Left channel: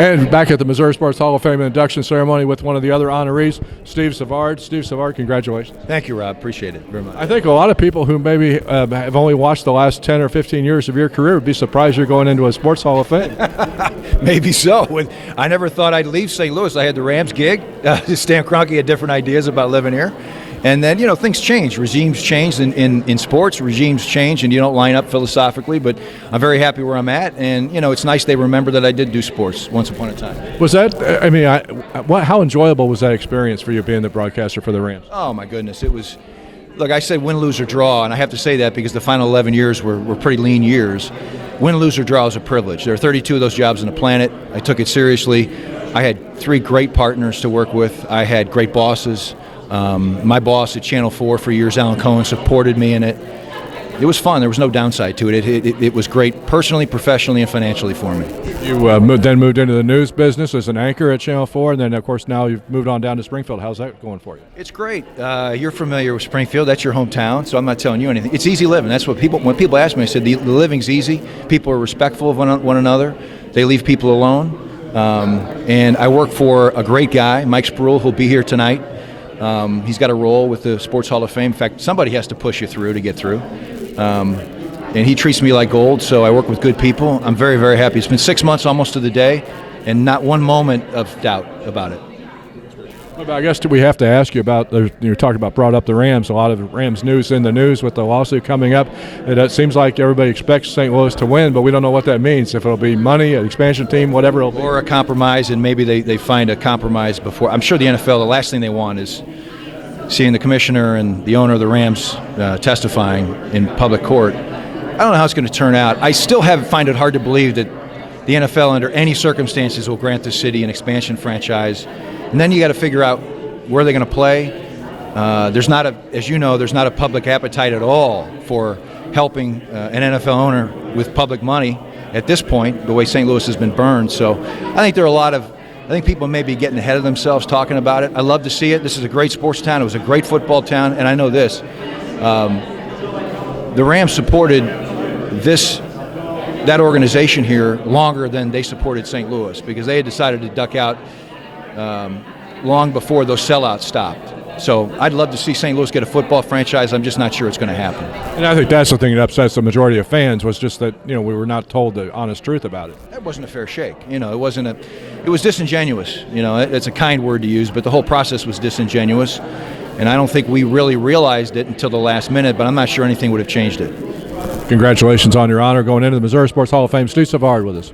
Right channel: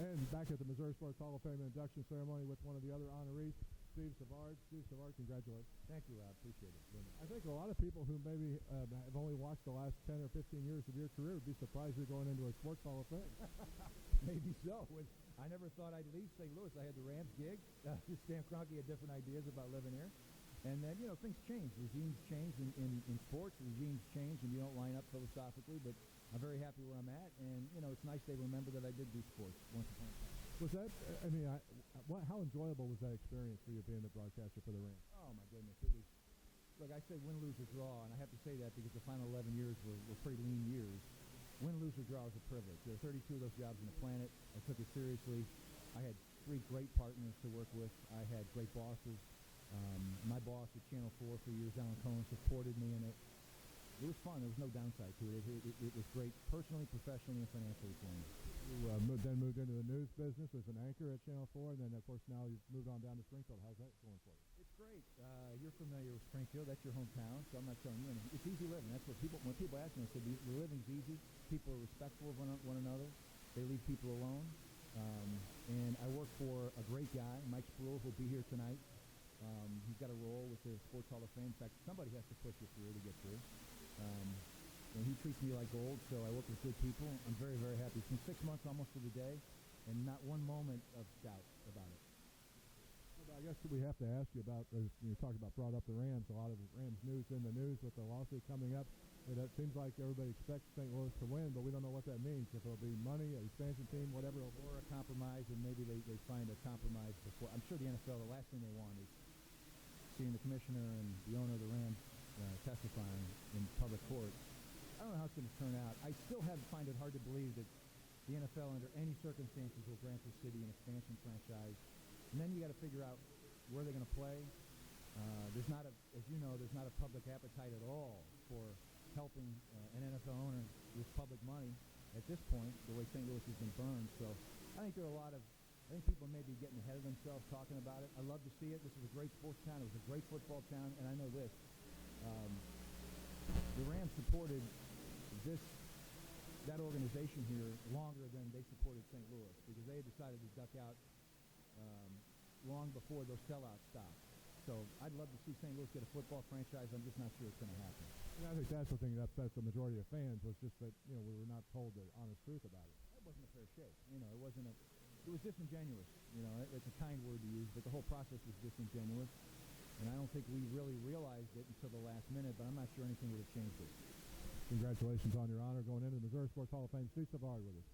And back at the Missouri Sports Hall of Fame induction ceremony with one of the other honorees, Steve Savard. Steve Savard, congratulations. Thank you, Rob. Appreciate it very much. I think a lot of people who maybe have only watched the last 10 or 15 years of your career would be surprised you're going into a Sports Hall of Fame. Maybe so. I never thought I'd leave St. Louis. I had the Rams gig. Stan Kroenke had different ideas about living here. And then, things change. Regimes change in sports. Regimes change, and you don't line up philosophically. But I'm very happy where I'm at. And, it's nice they remember that I did do sports once upon a time. Was that, how enjoyable was that experience for you being the broadcaster for the Rams? Oh, my goodness. It was, look, I said win, lose, or draw. And I have to say that because the final 11 years were pretty lean years. Win, lose, or draw is a privilege. There are 32 of those jobs on the planet. I took it seriously. I had 3 great partners to work with. I had great bosses. My boss at Channel 4 for years, Alan Cohen, supported me in it. It was fun. There was no downside to it. It was great personally, professionally, and financially for me. You then moved into the news business as an anchor at Channel 4, and then, of course, now you've moved on down to Springfield. How's that going for you? It's great. You're familiar with Springfield. That's your hometown, so I'm not telling you anything. It's easy living. That's what when people ask me, I said the living's easy. People are respectful of one another. They leave people alone. And I work for a great guy, Mike Spruill, who'll be here tonight. He's got a role with the Sports Hall of Fame. In fact, somebody has to push you through to get through. And he treats me like gold, so I work with good people. I'm very, very happy. It's been 6 months almost to the day, and not one moment of doubt about it. Well, I guess we have to ask you about, you brought up the Rams, a lot of Rams news in the news with the lawsuit coming up. It seems like everybody expects St. Louis to win, but we don't know what that means, if it'll be money, an expansion team, whatever it'll be. Or a compromise, and maybe they find a compromise before. I'm sure the NFL, the last thing they want is seeing the commissioner and the owner of the Rams testifying in public court. I don't know how it's going to turn out. I still find it hard to believe that the NFL, under any circumstances, will grant the city an expansion franchise. And then you got to figure out where they're going to play. As you know, there's not a public appetite at all for helping an NFL owner with public money at this point, the way St. Louis has been burned. So I think people may be getting ahead of themselves talking about it. I love to see it. This is a great sports town. It was a great football town. And I know this. The Rams supported that organization here longer than they supported St. Louis, because they had decided to duck out long before those sellouts stopped. So I'd love to see St. Louis get a football franchise. I'm just not sure it's going to happen. And I think that's the thing that upsets the majority of fans, was just that we were not told the honest truth about it. That wasn't a fair shake. It was disingenuous. It's a kind word to use, but the whole process was disingenuous. And I don't think we really realized it until the last minute, but I'm not sure anything would have changed it. Congratulations on your honor going into the Missouri Sports Hall of Fame. Steve Savard with us.